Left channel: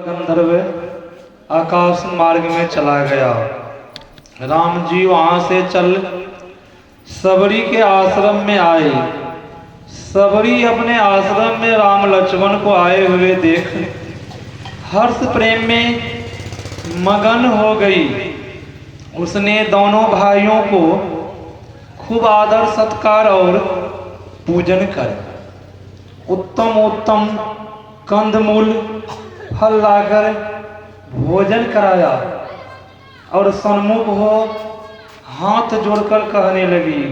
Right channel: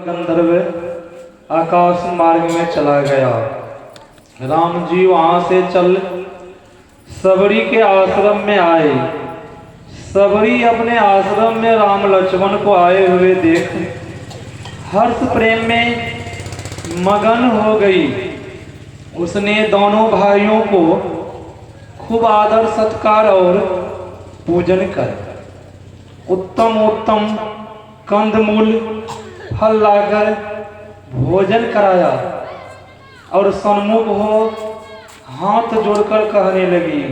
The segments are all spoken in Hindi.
गंधर्व आकाश मार्ग में चला गया। राम जी वहां से चल सबरी के आश्रम में आए। सबरी अपने आश्रम में राम लक्ष्मण को आए हुए देख हर्ष प्रेम में मगन हो गई। उसने दोनों भाइयों को खूब आदर सत्कार और पूजन कर उत्तम उत्तम कंदमूल फल लाकर भोजन कराया और सन्मुख हो हाथ जोड़कर कहने लगी,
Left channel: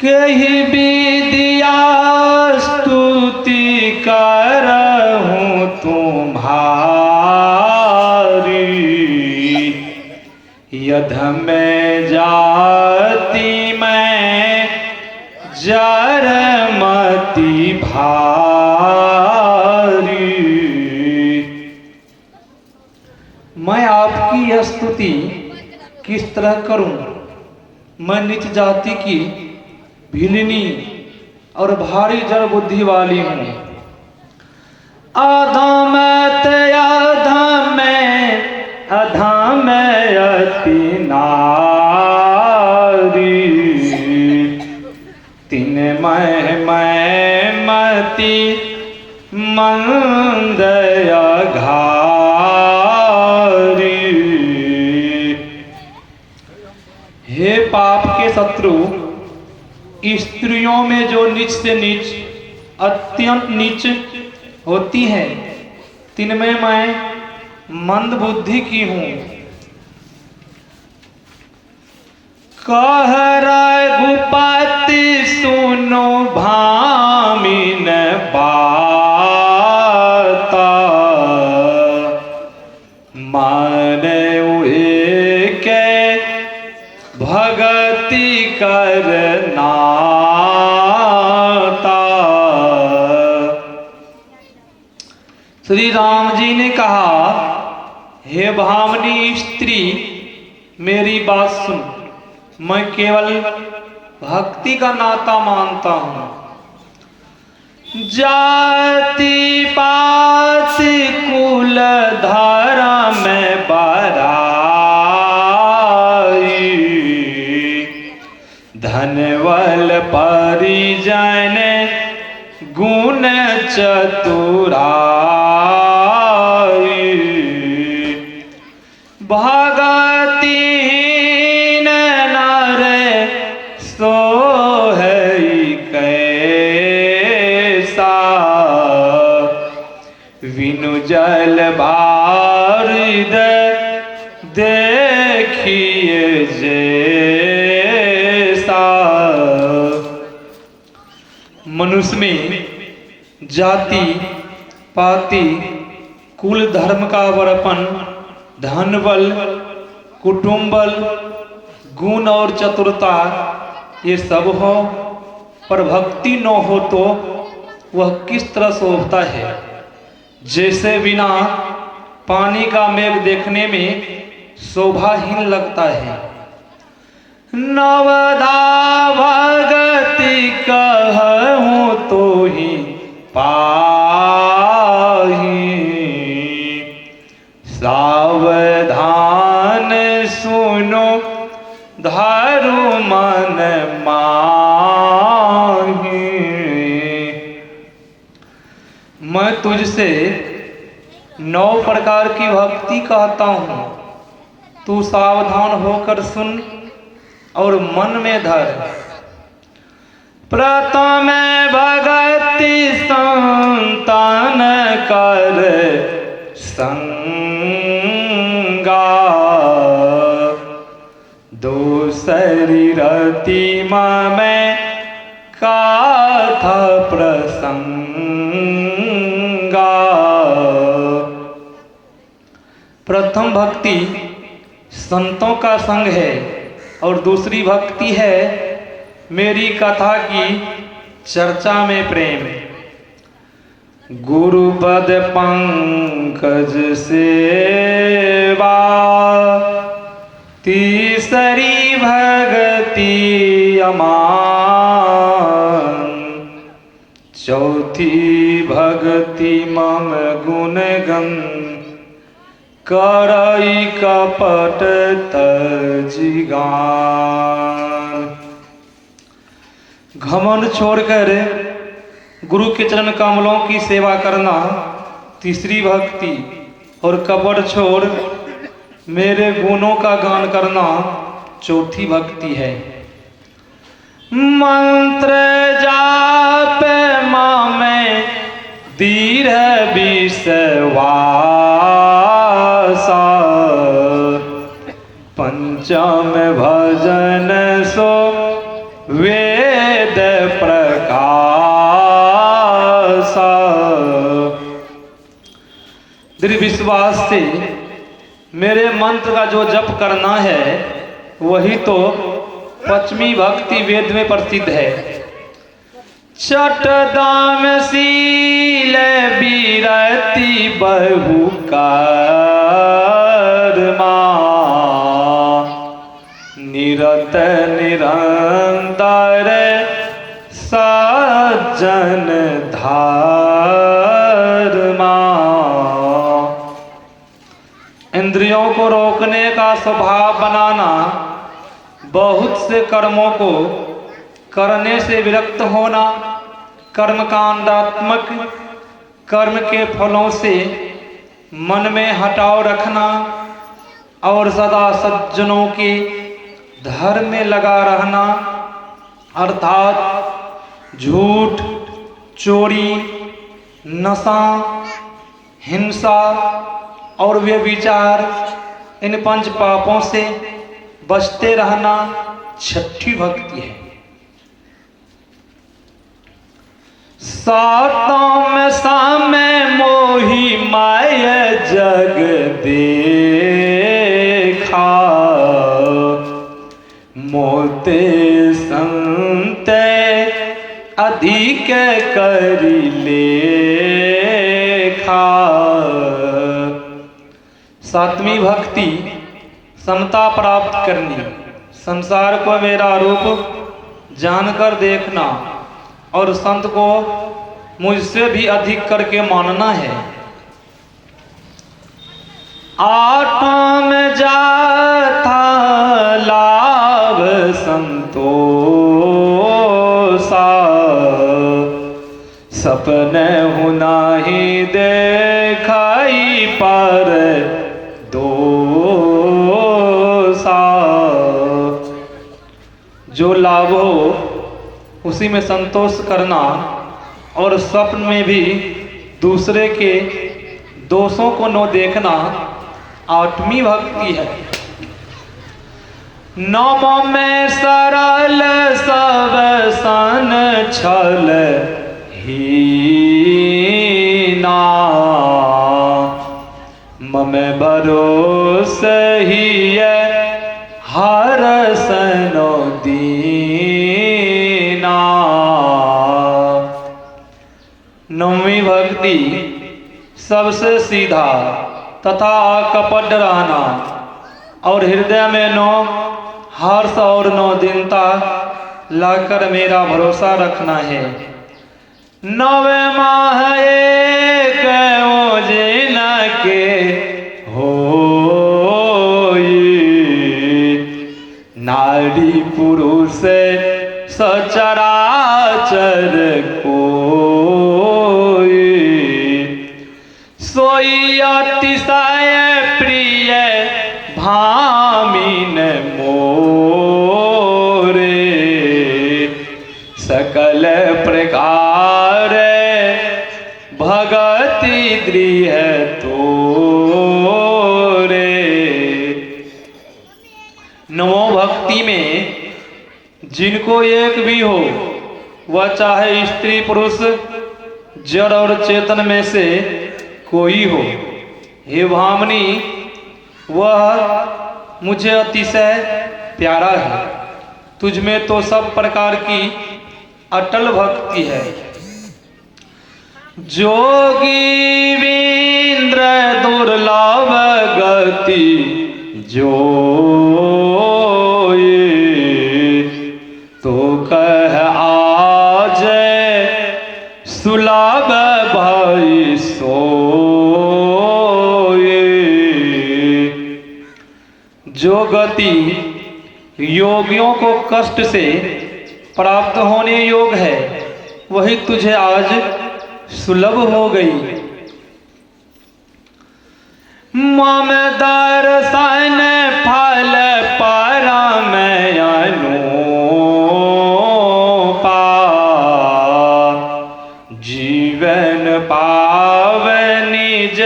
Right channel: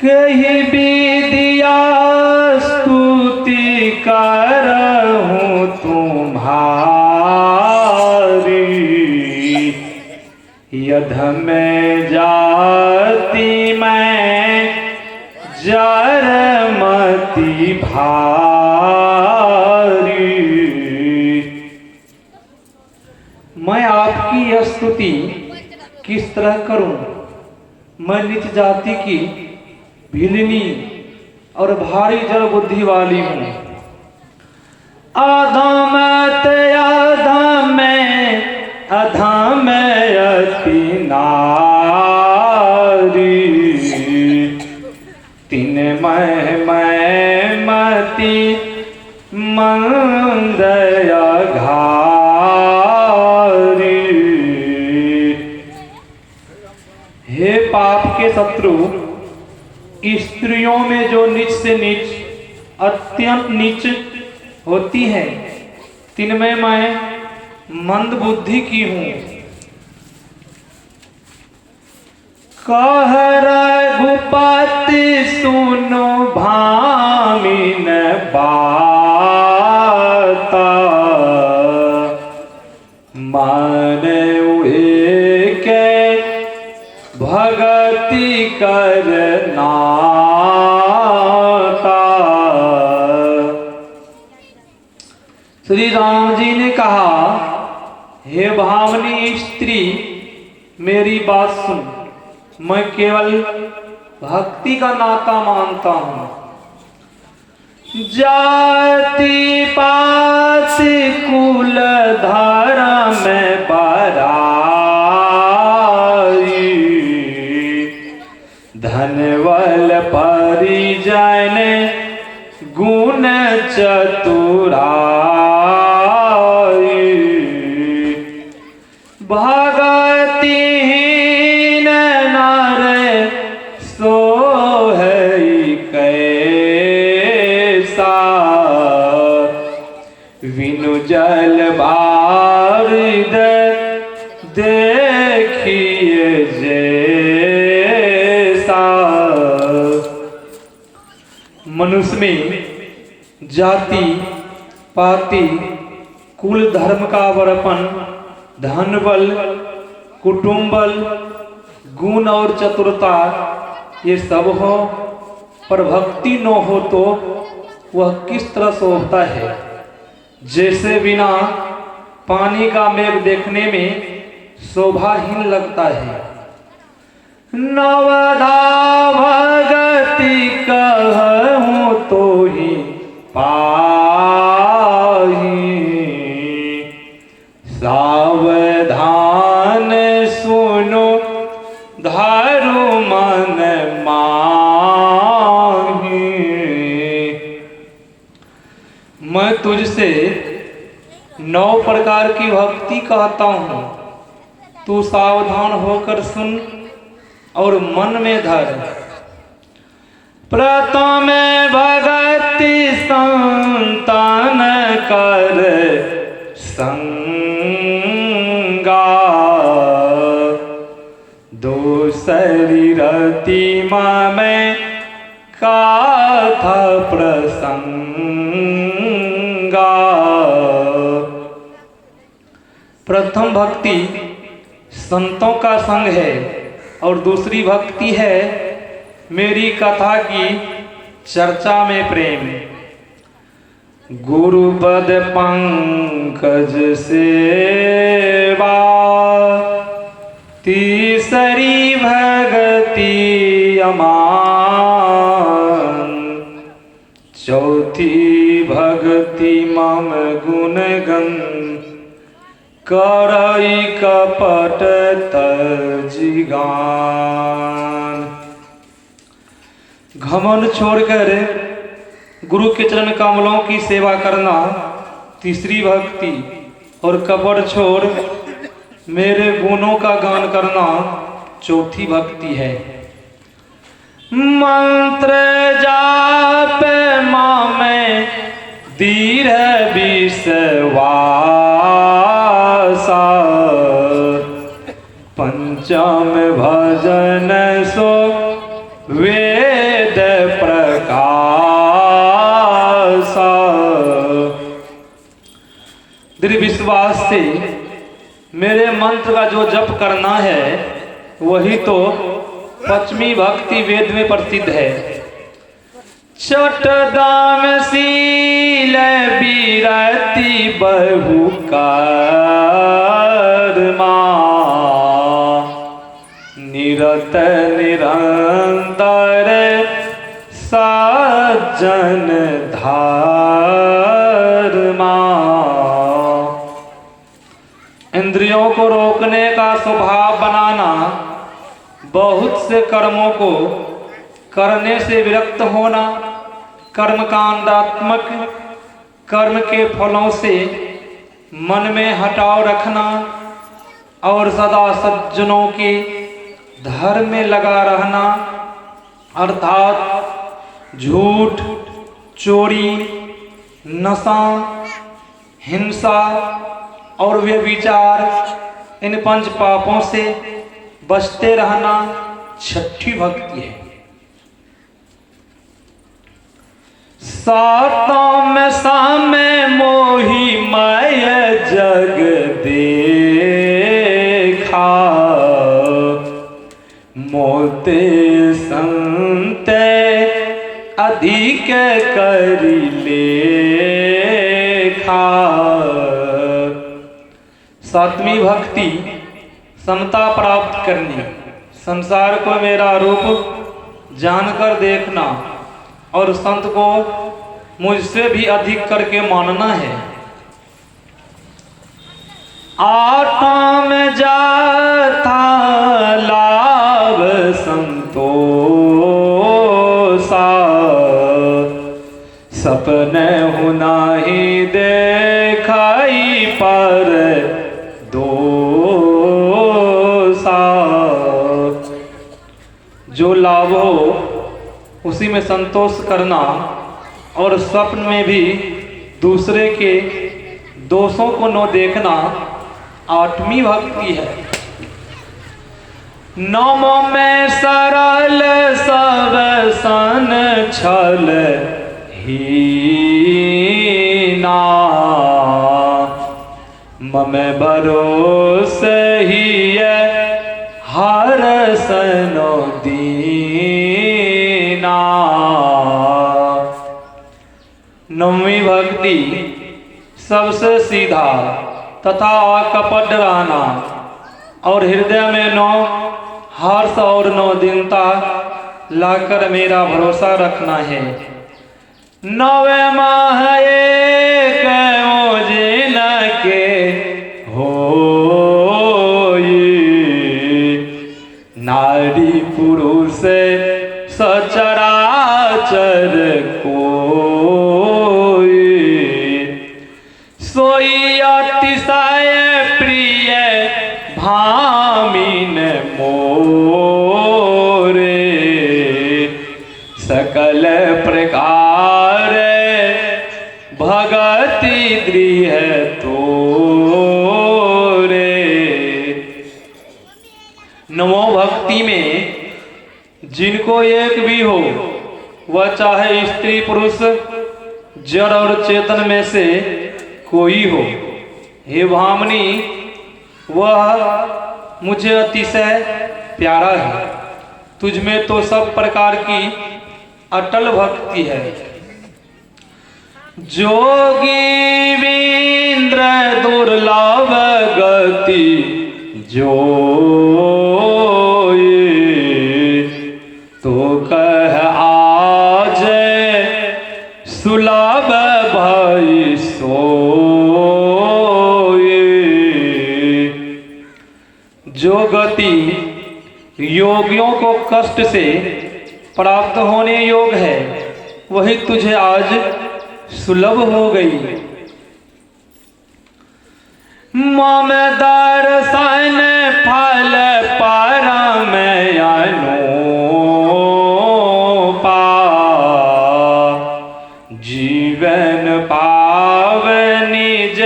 कही विद्या स्तुति करहूं तुम्हारी, यध में जाति में जरमति भारी। मैं आपकी यह स्तुति किस तरह करूं? मैं नीच जाति की भिलनी और भारी जड़ बुद्धि वाली हूं। अधमत अधम अधम अति नारी, तीन मैं मति मंद घारी। हे पाप के शत्रु, स्त्रियों में जो नीच से नीच अत्यंत नीच होती है, तिनमें मैं मंद बुद्धि की हूं। कह रघुपति सुनो भामिन बाता, माने के भगति करनाता। श्री राम जी ने कहा, हे भामनी स्त्री, मेरी बात सुन। मैं केवल भक्ति का नाता मानता हूं। जाति पात कुल धर्म बराई, धनवल परिजन गुण चतुराई, भगतिहीन नर सोहई कैसा, विनु जल बारिद देखिए जैसा। मनुष्य में जाति पाति कुल धर्म का वर्पण, धन बल कुटुंब बल गुण और चतुरता ये सब हो, पर भक्ति न हो तो वह किस तरह शोभता है? जैसे बिना पानी का मेघ देखने में शोभाहीन लगता है। नवधा भगति कहूं तो ही पाही, सावधान सुनो धारू मन माही। मैं तुझसे 9 प्रकार की भक्ति कहता हूं, तू सावधान होकर सुन और मन में धर। प्रथम भगति संतान कर संगा, दूसरी रतिमा में कथा प्रसंगा। प्रथम भक्ति संतों का संग है और दूसरी भक्ति है मेरी कथा की चर्चा में प्रेम। गुरुपद पंकज सेवा, तीसरी भगति अमान, चौथी भक्ति मम गुण गम करई कपट तजिगान। घमंड छोड़कर गुरु के चरण कमलों की सेवा करना तीसरी भक्ति, और कपट छोड़ मेरे गुणों का गान करना चौथी भक्ति है। मंत्र जाप मामे धीर विश्वासा, पंचम भजन सो वेद प्रकाशा। दृढ़ विश्वास से मेरे मंत्र का जो जप करना है वही तो पश्चिमी भक्ति वेद में प्रसिद्ध है। चटदान शील बीरति बहु कर्मा, निरत निरंतर सज्जन धर्मा। इंद्रियों को रोकने का स्वभाव बनाना, बहुत से कर्मों को करने से विरक्त होना, कर्मकांडात्मक कर्म के फलों से मन में हटाव रखना और सदा सज्जनों के धर्म में लगा रहना, अर्थात झूठ, चोरी, नशा, हिंसा और व्यभिचार, इन पंच पापों से बचते रहना छठी भक्ति है। सातम सामे मोही माय जग देखा, मोते संत अधिक करी लेखा। सातवीं भक्ति समता प्राप्त करनी, संसार को मेरा रूप जानकर देखना और संत को मुझसे भी अधिक करके मानना है। आठम जाथा लाभ संतोषा, सपने हुना ही देखाई पर दोसा। जो लाभ हो उसी में संतोष करना और स्वप्न में भी दूसरे के दोषों को न देखना आठवीं भक्ति है। नम में सरल सब सन छल हीना, मम भरोसे ही हर सनो दीना। नौवीं भक्ति सबसे सीधा तथा अकपट रहना और हृदय में नो हर्ष और नो दीनता लाकर मेरा भरोसा रखना है। नवे माह एक ओजिन के नारी पुरुष सचराचर कोई, सोई अतिशय प्रिय भामिन मोरे, सकल प्रकार भगति गृह तोरे। नवो भक्ति में जिनको एक भी हो, वह चाहे स्त्री पुरुष जड़ और चेतन में से कोई हो, हे भामनी वह मुझे अतिशय प्यारा है। तुझ में तो सब प्रकार की अटल भक्ति है। जोगीन्द्र दुर्लभ गति जो तो कह आज सुलभ जो गति योगियों को कष्ट से प्राप्त होने योग है वही तुझे आज सुलभ हो गई। मम दर्शन फल परम अनुपा जीवन पाव निज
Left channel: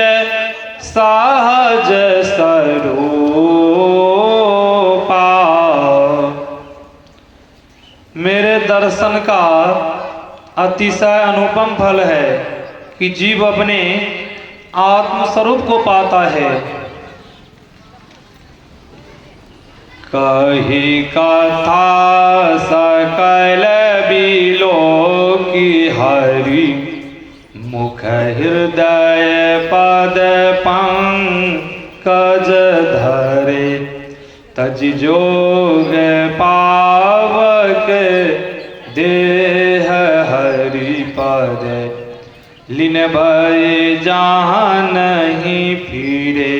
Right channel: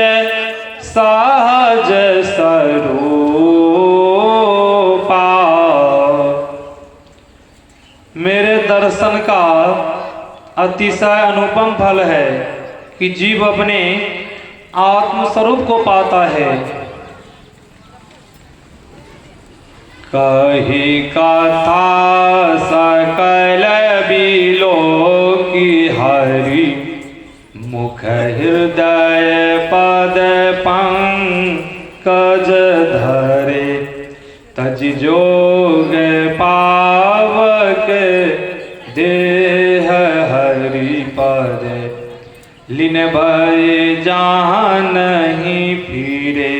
सहज स्वरूपा। मेरे दर्शन का अतिशय अनुपम फल है कि जीव अपने आत्मस्वरूप को पाता है। कही कथा सकल बिलो की हरि मुख हृदय पद पंकज धरे तज जोग पावक देह हरि पद लीन भय जहाँ नहीं फिरे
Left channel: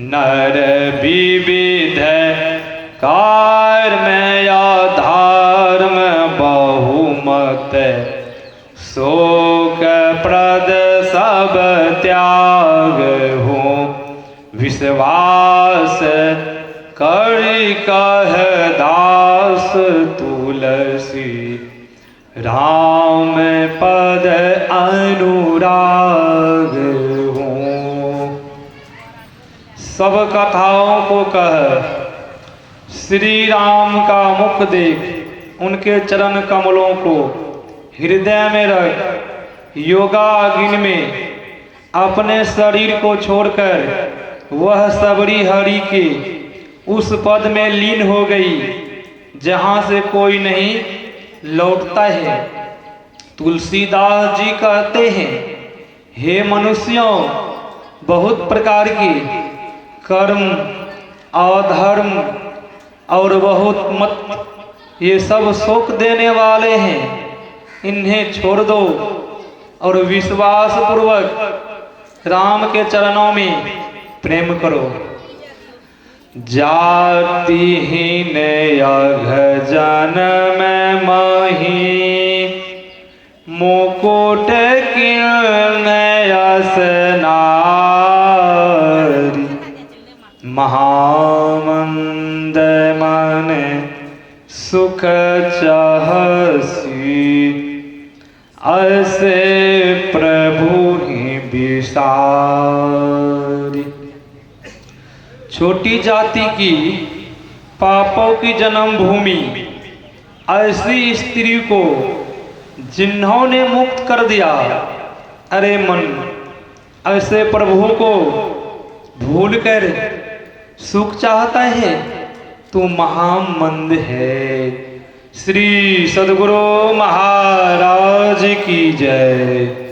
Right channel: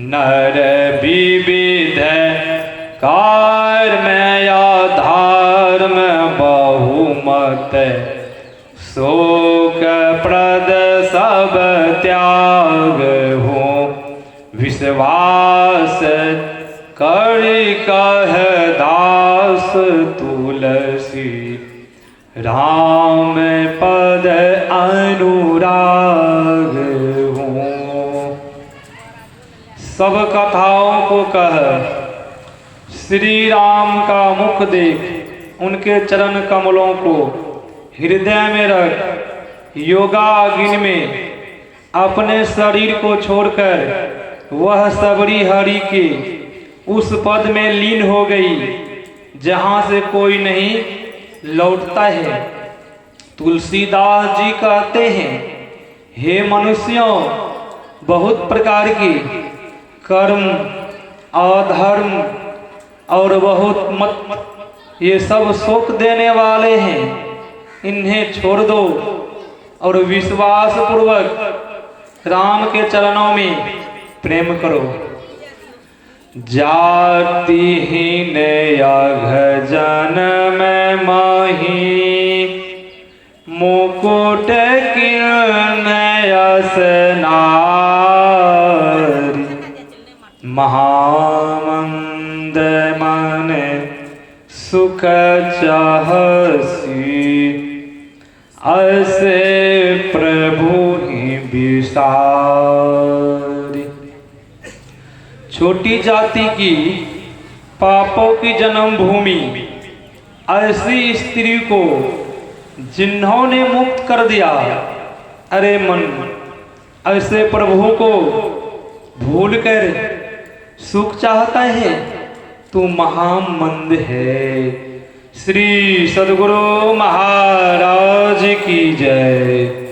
नर विविध कर्म या धर्म बहुमत शोक प्रद सब त्याग हो विश्वास करि कह दास तुलसी राम पद अनुराग हो। सब कथाओं को कह श्री राम का मुख देख उनके चरण कमलों को हृदय में रख योगाग्नि में अपने शरीर को छोड़कर वह सबरी हरि के उस पद में लीन हो गई जहाँ से कोई नहीं लौटता है। तुलसीदास जी कहते हैं, हे मनुष्यों, बहुत प्रकार के कर्म अधर्म और बहुत मत ये सब शोक देने वाले हैं, इन्हें छोड़ दो और विश्वास पूर्वक राम के चरणों में प्रेम करो। जातिहीन अघ जन्म मही मुकुट किलयस नारी महामंद मन सुख चाहसी ऐसे प्रभु ही विसारी। छोटी जाति की पापों की जन्मभूमि ऐसी स्त्री को जिन्होंने मुक्त कर दिया, अरे मन ऐसे प्रभु को भूल कर सुख चाहता है, तू महामंद है। श्री सद्गुरु महाराज की जय।